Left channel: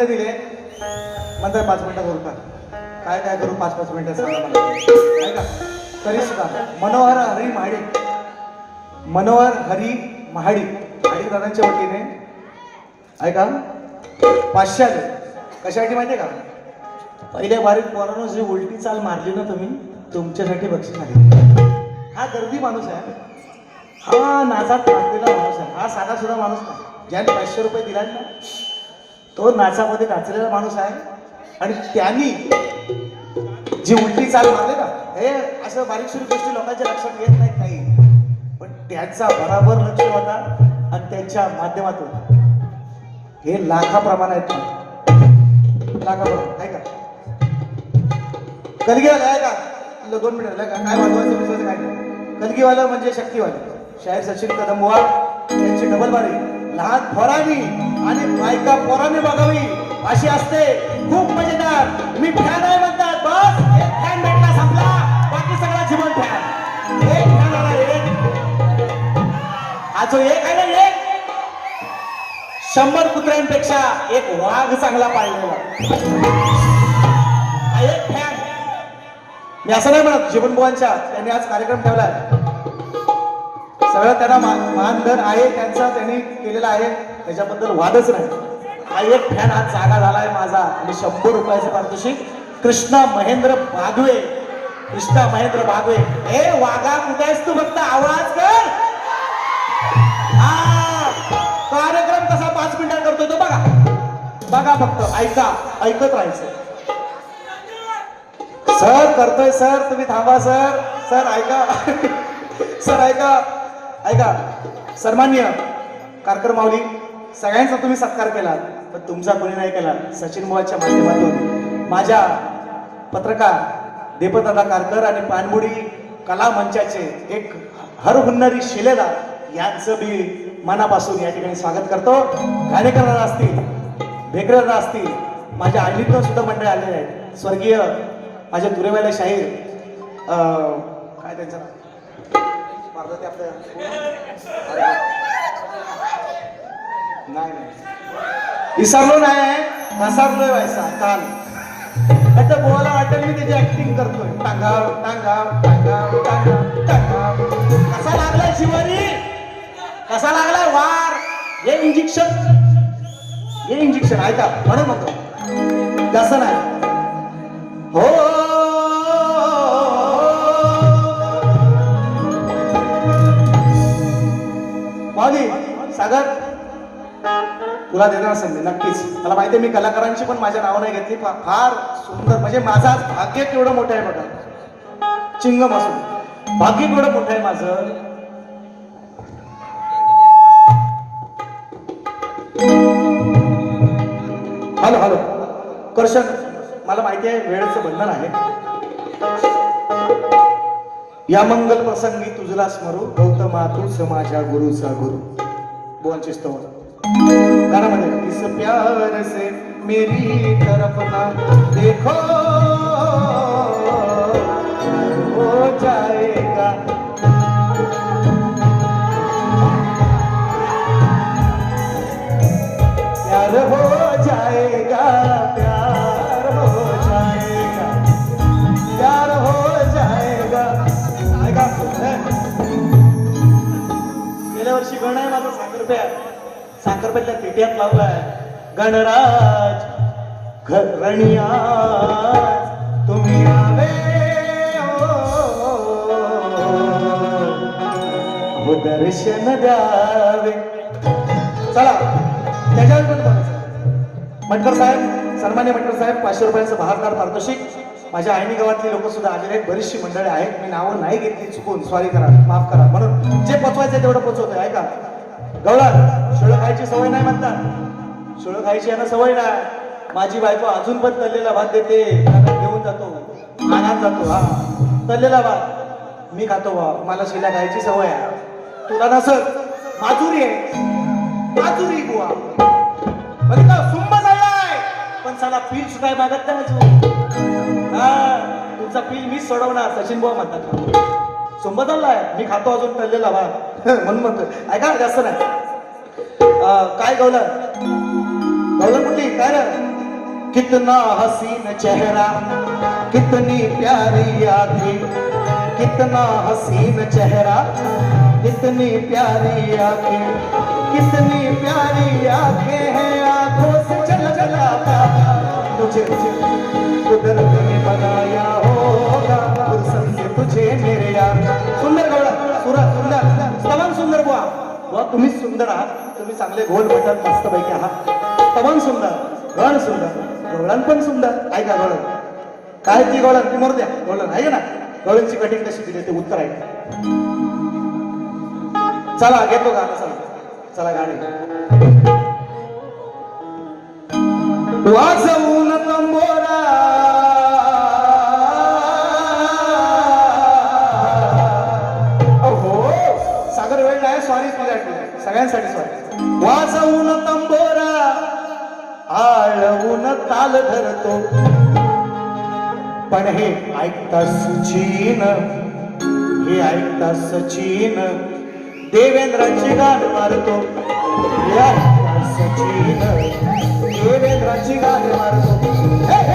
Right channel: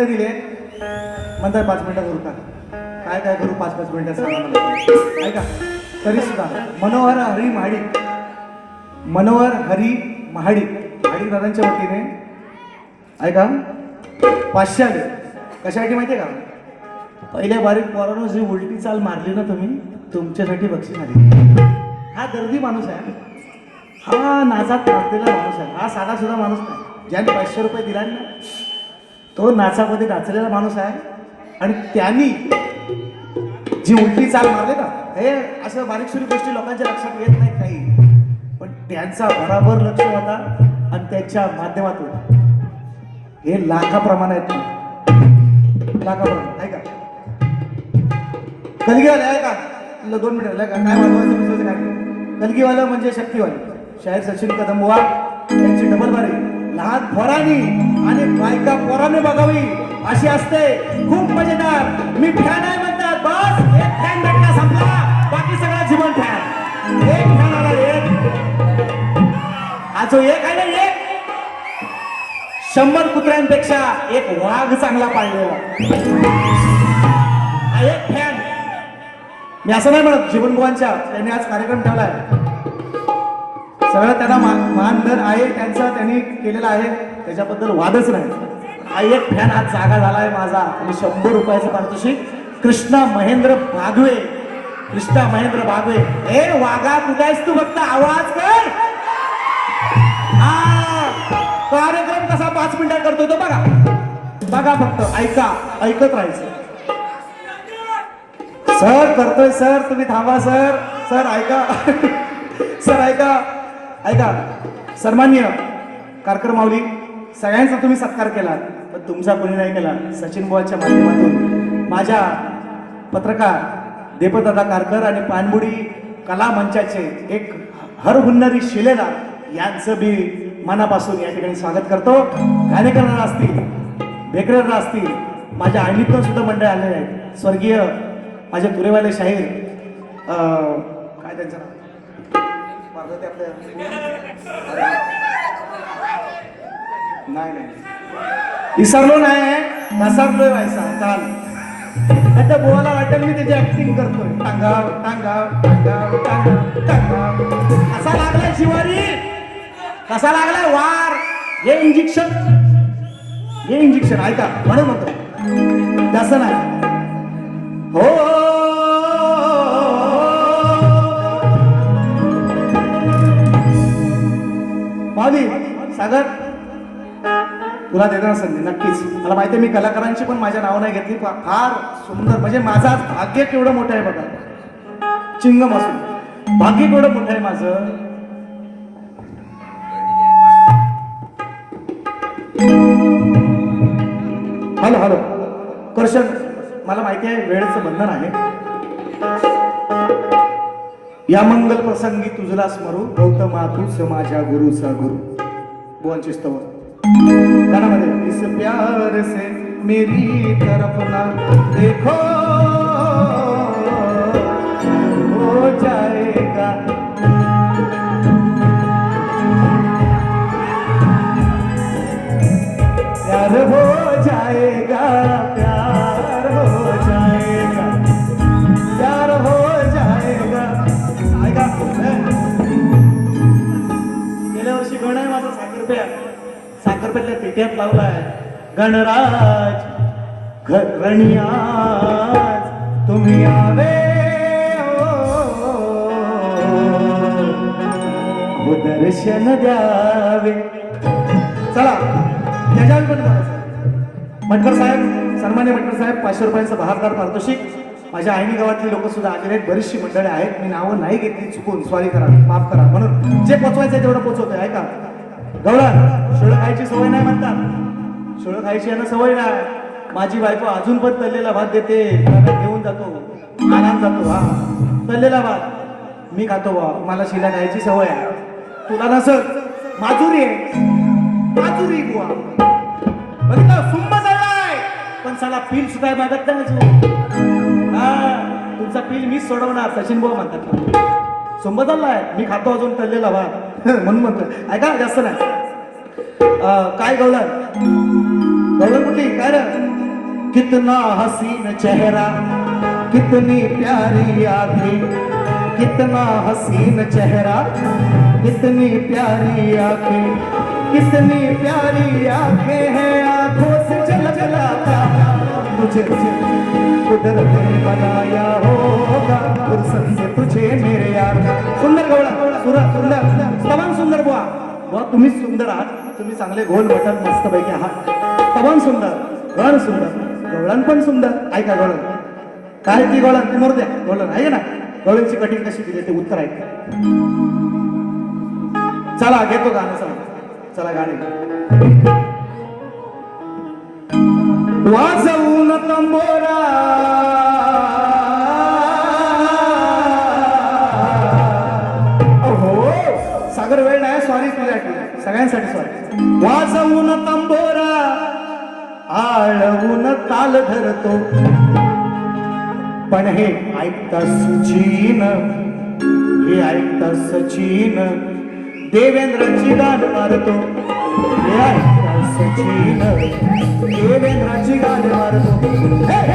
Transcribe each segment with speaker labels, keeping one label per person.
Speaker 1: मिनिटं दिले. नंतर पाच मिनिटं करू का काय काय करू पाच पाच मिनिटं सांगा ऐका तरी सुद्धा मनोहर हरी महाडिक. मनोहर हरी महाडिक. महाडिक दादांच्या वतीने. ऐका पाचशे आले. कशासाठी माहिती आहे का? पहिल्या बारीक पोरानं जी उलटी चाल मारली ना तुम्ही तुमच्यासाठी बक्षीस आली. हा गर्दी माणूस आहे. हा नाचात नाचलेला माणूस आहे. हा साधा सुद्धा माणूस नाही. ज्याने पाचशे रुपये दिला ना तो नाचामध्ये नाचलेला माणूस आहे. आणि त्यांनी जी उलटी चाल मारली ना हे असं बारीक सुरी गोष्टी लोकांच्या लक्षात येत नाहीत काही. पण त्यांचा बरोबर लक्ष होता आणि त्यांच्या माध्यमातून. हे लाखाप्रमाणे आहेत ना. लाखाप्रमाणे ऐका कलगीवाला आहे का? तुला दोन का? काय मागवायचं काय? कलगीवाला म्हणजे शक्तीवाला. शाहीर सचिन कदमवार यांची डबल बारी. लहान पोरांनी आणि बायका पोराने बघावी अशी असते. खूप मजेदार. मी फॅन आहे म्हणतात बस एक फॅन भेटला संपला. बाकी सगळा जीवन फॅन एक फॅन आला एक अजून एक आहे ना एक शंभर कुत्र्यांपेक्षा एक वाघ चांगला पाळलेला एक फॅन मी असं नाही म्हणत जीवन जीवनबुवांच्या त्यांनी आज कार्यक्रम ठेवलाय. सगळं त्यांना मान मानधन आहे त्यांचं त्यांनी केलेलं आहे. त्याच्याबद्दल वादच नाही. हा एक फॅन आज जागा झालाय माझा. आणि शंभर रुपयाचं पारितोषिक कृष्णा महेंद्र बागवे. कृष्णा महेंद्र बागवे. ए वाघा कुठे तू फक्त? आवाज कर. कार्यक्रम कसा पाच मिनिटात करतो तो बघा. बघा फक्त ऐका ऐकत राहायचं. सर करतोय सर तुम्ही थांबा सर. सर ऐका. ऐका सन्मान्य कारकर माऊली सगळ्यांचा तुम्ही सत्कार केला. तर तुमचा कोणी नाही केला सचिन बुवाच्या माध्यमातून. माझ्या पत्रकार देपदादा कारकर आणि पाणबुडी कला मंचाचे एक हरहुन्नरी शिलेदार यांचं मी मनापासून या ठिकाणी स्वागत करतो. गाणे असतील बेकरर असतील माझ्या आईनीतून सुद्धा मंडळ आलेले आहेत. स्वर्गीय माझे तुरेवाले शाहीर नाही नाही. विसरलो नाही विसरलोय व्हायचा काल आता बोलायला वाटेल मी त्याची ऍक्टिंग करतोय. टांगाव टांगाव टांगाव टांगाव टांगाव. कसा लागलाय शिवारी कसा लागलाय वार? हे इंजेक्शन हे इंजेक्शन ऐका म्हणून म्हणतो तसं नाही. हो. तुला देणार संधी नक्कीच. मला माहिती मी कलाकारांची पण माझ्या नाव नाही घेतली पण फार सुंदर. म्हणजे माझा भाग्य केवढं मोठं आहे बघा. चिंगम असून. भाग्य केवढं मोठं आहे माझं. Hello hello. कर्षण मला माहिती आहे वेळेचं बंधन आहे. या मंगल प्रसंगी तुझला स्मरू गौतमा मातृ माझ्या गुरुचा गुरु. दोनची स्तव गाण्यामध्ये इस प्यार से मेरी तरफ ना देखो। साखरप्या तुम्ही आवे हो. हो दर्शन द्यावे चला त्याच्यावर भटकर साहेब सन्मान्य भटकर साहेब पाचशे रुपयांचं बहारदार पारितोषिक. माझ्या आईनी गावातली लोक सुद्धा आलेले आहेत. बरीचशी मंडळी आहेत. मी नावं नाही घेतली चुकून सॉरी करा माफ करा. म्हणून जे पोचवायचं आहे तेवढं आहे का गवळण शिळं खायची सवय नाही म्हणतात. शिळं खायची यांना सवय नाही. माझी बायको अजून पण तल्लेला भात देते घेऊन जातो. आणात जातो हा. तल्लेला भात. मी खातो बा मला शिला खायची सवय आहे. तुला नसल माजुरी आहे. माजुरी बुवा. बघितलं सुंब झालाय पण साला पील सुद्धा मागत नाही हा तुमचा पील मीच सोडवणार सचिन भाऊ म्हणतात. सुंब झालाय मी खातो अजून तळलेला भात. म्हणून म्हणतो ऐका ना, जास्त नाही. काय गवलं कितना हसीन चेहरा, कितनी प्यारी आँखें कितना हसीन चेहरा, कितनी प्यारी आँखें, कितनी प्यारी आँखें हैं, आँखों से झलझलाता तुझे तुझे कुदरत ने बनाया होगा फुर्सत से तुझे मेरे यार। सुंदर गवळा सुरा, सुंदर तमाम सुंदर बुवा बुवा तुम्हीच सुंदर आहात, तुम्ही चांगले गोल भेटत मस्त पैकी आहात। तमाम सुंदर गवळण सुंदर। गवळण पण सुंदर ऐका गवळण काय ती गवळण ती मरू द्या गवळण आहे ना? गवळणची कटिंग कशी दिली ते उत्तर ऐका चला घेतो गाणं चला. चला गाणे. वाजवून तंबोरा. हो सागर वेळ नाही सॉरी सगळ्यांसाठी सॉरी वाजवून तंबोरा. आळवून ताल धरतो. पण हे ऐकता सचिन हे ऐकता सचिन देवेंद्राची गाण मारतो. हे ऐकता सचिन देवेंद्राची गाण मारतो.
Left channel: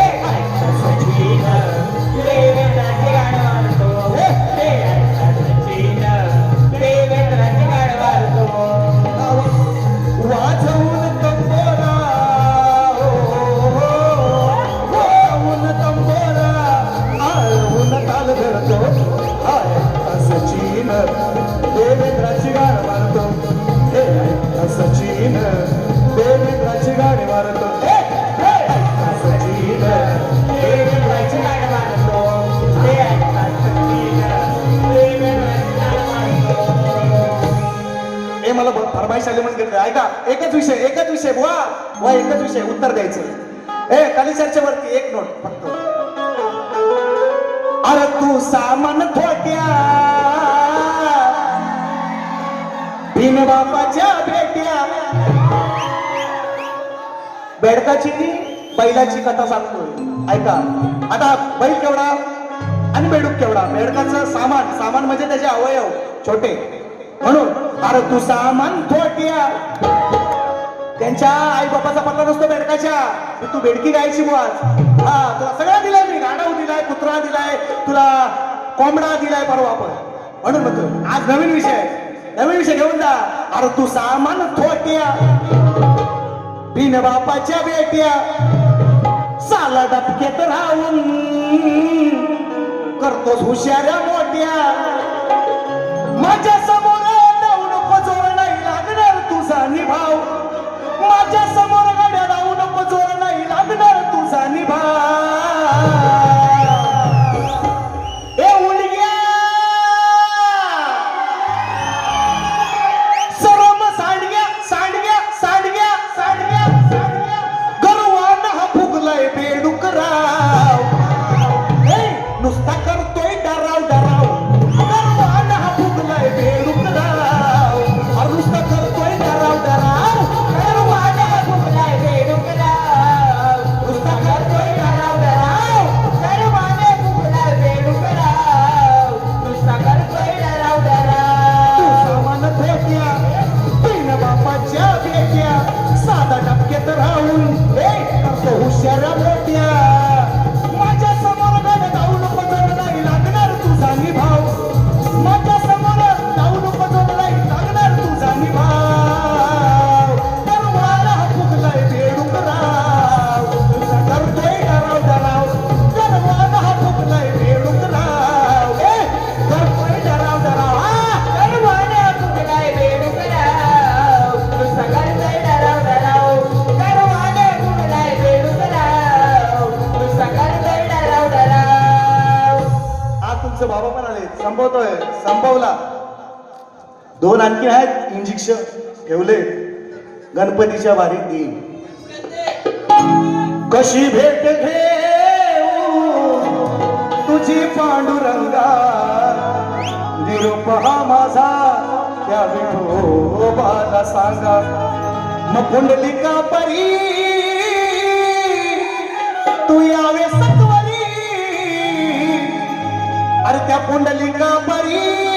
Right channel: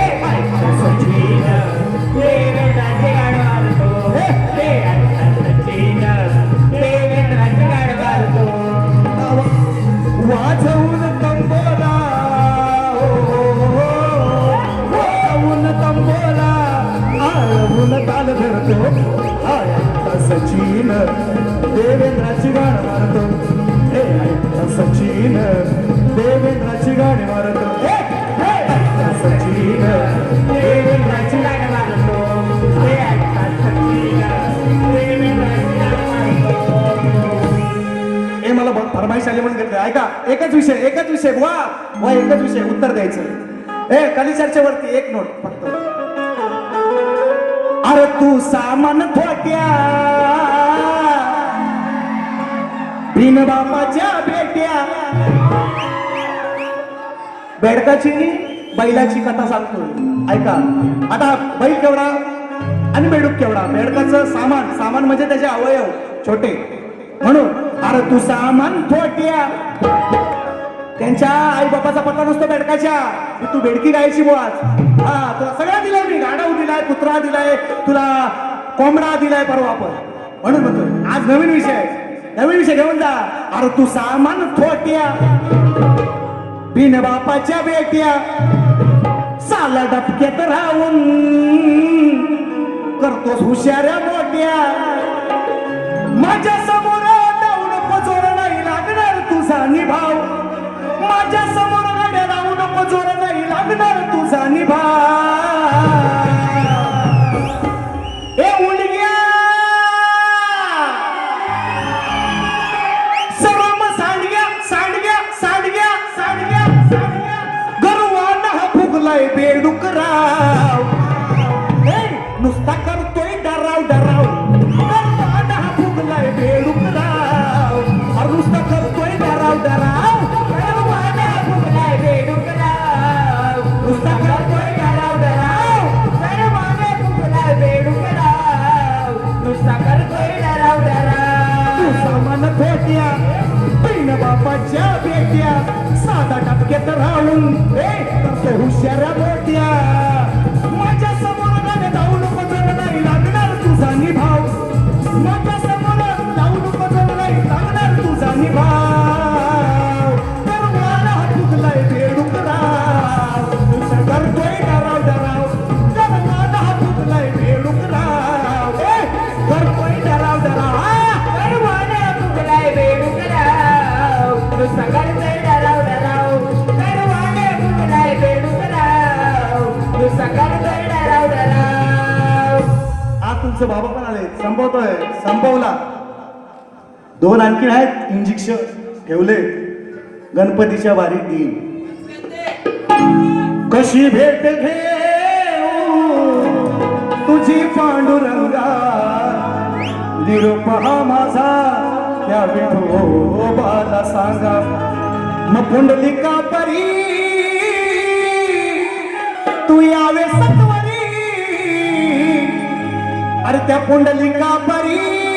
Speaker 1: बेडकाची बैलाची कथा सांगतो ऐका. आता बैल केवढा आणि बेडूक केवढा? बेडकाचं सामान सामान म्हणजे त्याचे अवयव छोटे. म्हणून अरे तू सामान थोट्या. त्यांच्या आई बापाचा पत्ता नसतो बेडकाच्या की तू बेडकी गायची बुवाच हा तुला सगळं दिलंय मी. गाडव दिलाय कुत्रा दिलाय तुला कोंबडा दिलाय परवा आपण म्हणून म्हणतो आज नवीन विषय. आहे. नवीन विषय घेऊन जा. अरे तू सामान थोट्या. बिन बापाच्या बेट्या साला डबक्यात राहून करतोस हुशाऱ्या मोठ्या. आहेत ठेवले. गणपतीच्या वारीत देईन. कशी भेट घे तुझी पांडुरंगा. निरोप हा माझा. त्या विठोबाला सांगा. मग पुंडलिका परी. तू यावे सत्वरी. अरे त्या पुंडलिका परी.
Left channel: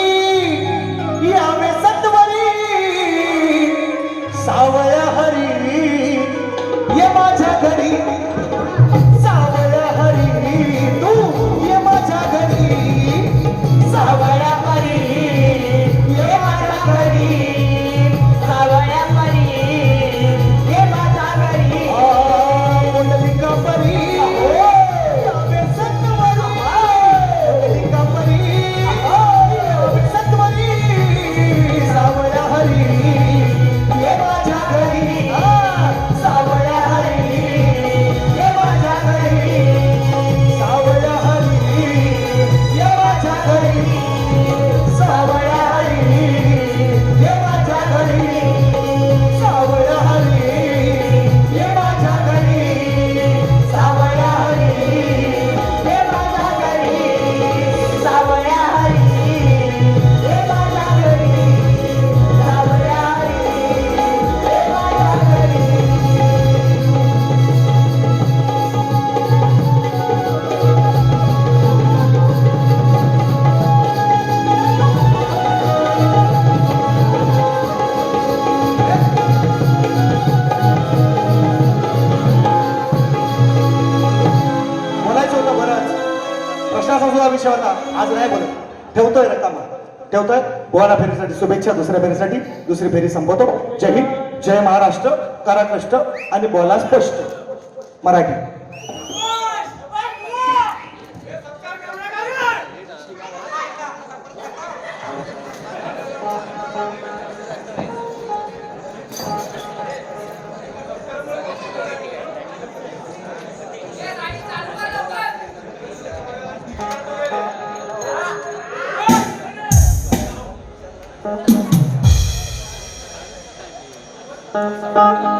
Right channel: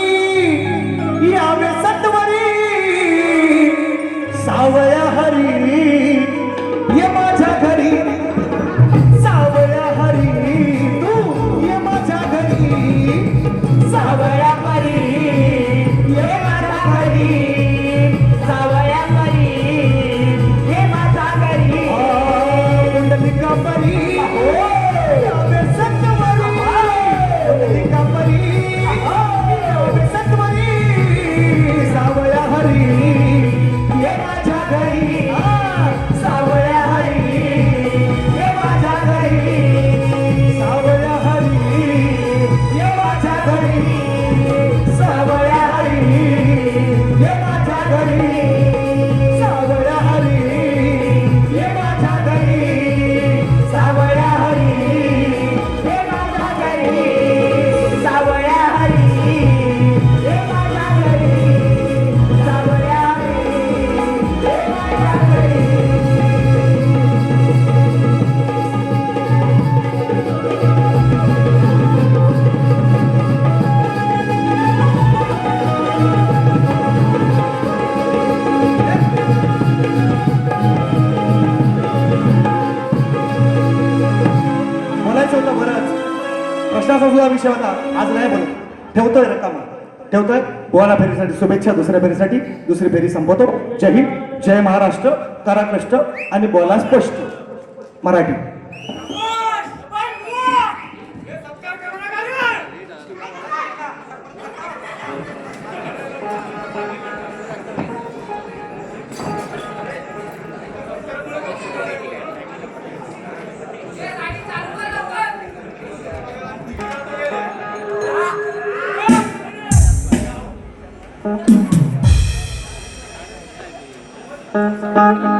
Speaker 1: ठेवतोय रकामा ठेवतोय गोवाला फेरीसाठी शुभेच्छा दुसऱ्या फेरीसाठी. दुसरी फेरी संपवतो. जय हिंद. जय महाराष्ट्र करा कष्ट आणि बोला स्पष्ट. मराठी.
Speaker 2: Thank you.